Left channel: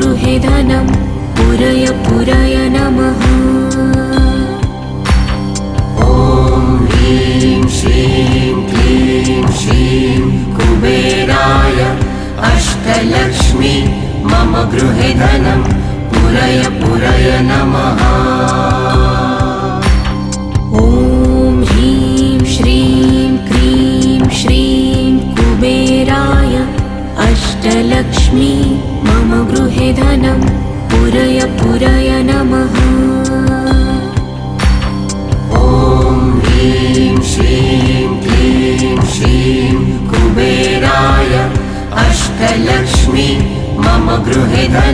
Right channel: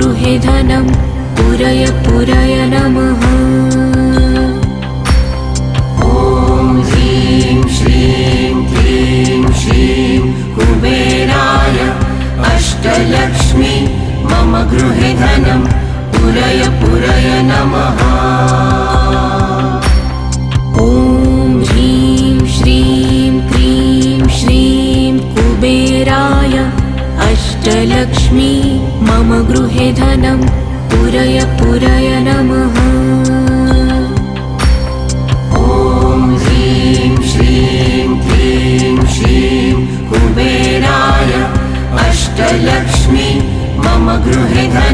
गृहे धनं पुरय पुरय नमः। ॐ ह्रीं श्रीं क्लीं श्रीं कुबेराय अष्टलक्ष्मी मम गृहे धनं पुरय पुरय नमः। ॐ ह्रीं श्रीं क्लीं श्रीं कुबेराय अष्टलक्ष्मी मम गृहे धनं पुरय पुरय नमः। ॐ ह्रीं श्रीं क्लीं श्रीं कुबेराय अष्टलक्ष्मी मम गृहे धनं